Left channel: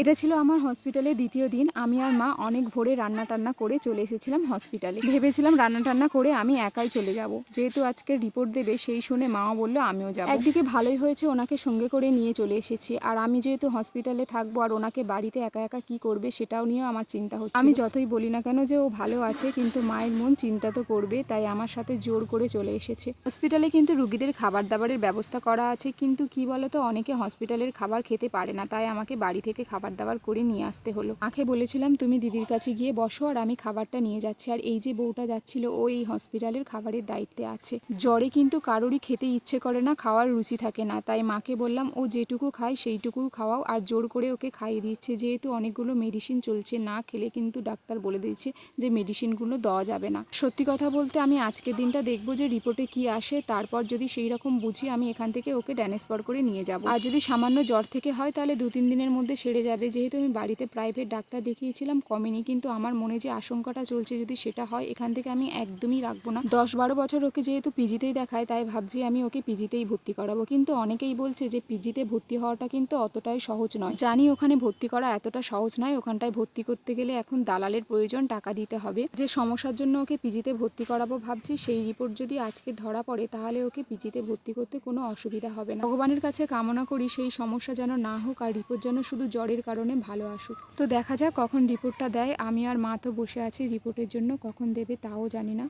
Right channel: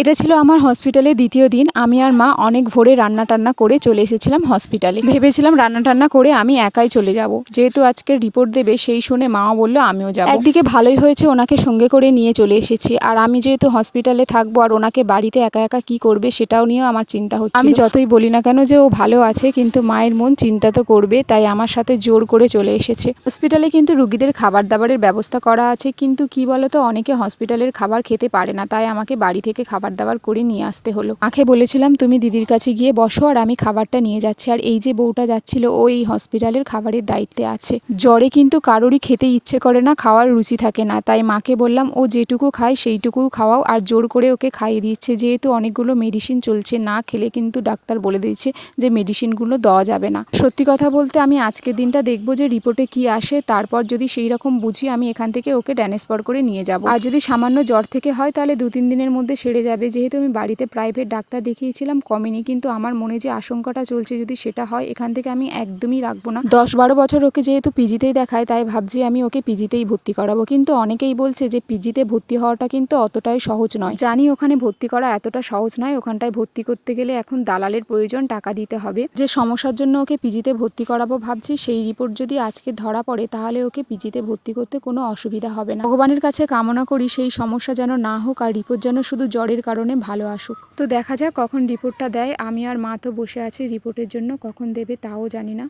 এটা ছিল আমার হসপিটালে দ্বিতীয় দিন। আমি আর মা অনেক ভোরে রান্না টান্না করে চলে এসেছিলাম হসপিটালে। ভেবেছিলাম রান্না টান্না করে আমি একাই চলে যাব, যেহেতু আজকে রিপোর্ট দেবে সেই শুনে মাও বললো আমিও যাব। একদিকে ভালোই হয়েছে ওনাকে সঙ্গে করে নিয়ে চলে এসেছি, আর আমি যেহেতু হসপিটালে থাকবো আর ওনাকে বাড়িতে একা একা কি করবে সেটাও নিয়েও আমার চিন্তা হচ্ছে। আমি যতই বলি না কেন যে ও ভালো আছে, কিন্তু মায়ের মন চিন্তা তো করবে, তাই আমার সাথে জোর করে চলে এসেছে। হসপিটালে কিন্তু রুগীদের খাবার দাবারের ব্যবস্থা করা আছে, কিন্তু কি বলতো অনেকে হসপিটালের খাবার খেতে পারে না, তাই আমাকে বাড়ি থেকে খাবার দাবার করে নিয়ে আসতে হলো। মাকে বলেছিলাম তুমি দিদির কাছে গিয়ে বসো আর আমি খাবারটা নিয়ে যাচ্ছি। আর এই যে বউটা যাচ্ছিল ও এই হসপিটালের খাবারের দায়িত্বে আছে। জ্বরে কিন্তু কারোরই খেতে ইচ্ছে করে না, খাওয়ার রুচি থাকে না, তাই মাকে বললাম ও যেটুকু খায় সেইটুকু খাওয়াও, আর জোর করে ওকে খাইয়ে দিচ্ছে, যেহেতু অনেকগুলো মেডিসিন চলছে, না খেলে কিন্তু ডাক্তার বলে দিয়েছে যে মেডিসিনগুলো দেওয়া যাবে না। সত্যি কথা বলতে আমি আজকের দিনটা দেখবো যে রিপোর্টে কি আসে, তারপর যদি সেই রকম বুঝি আমি এখান থেকে ওকে ট্রান্সফার করে নিয়ে যাব। আর যদি সামান্য জ্বর থেকে হয় তাহলে 2-3 দিনের মধ্যে সেরে যাবে। যেহেতু আমি বাড়িতে প্রাইভেট ডাক্তার দেখিয়েছিলাম কমেনি, কিন্তু আমার মনে যে আশঙ্কাটা চলছে যদি সেটা হয় এখান থেকে আমি একদমই রাখবো না। 10-12 বছর ওকে যেহেতু পিজিতেই দেখায়, তাই ভাবছি আমি ওকে পিজিতেই ভর্তি করাবো। কিন্তু অনেকেই বলছে যে পিজিতে ভর্তি হওয়াটা কিন্তু অতটাই সহজ নয়। জানি ওখানে ভর্তি করা এতটা সহজ নয়, ওখানটায় ভর্তি করতে গেলে এখন দালালের প্রয়োজন, টাকা দিতে হবে। যে সমস্যার জন্য ওকে পিজিতে ভর্তি করাবো ভাবছি, সেই রিপোর্ট যদি আজকে ধরা পড়ে তাহলে ওকে পিজিতে ভর্তি করতে কোনো অসুবিধা হবে না। ভগবানের কাছে কামনা করি সেই সমস্যা যেন না হোক, আর রিপোর্ট যেন শুধু জ্বরের কারণে ভালো আসুক। তো দেখা যাক কখন রিপোর্টটা দেয়। আমি আর মা তো বসে আছি রিপোর্টের জন্য, কখন দেবে তাও জানি না।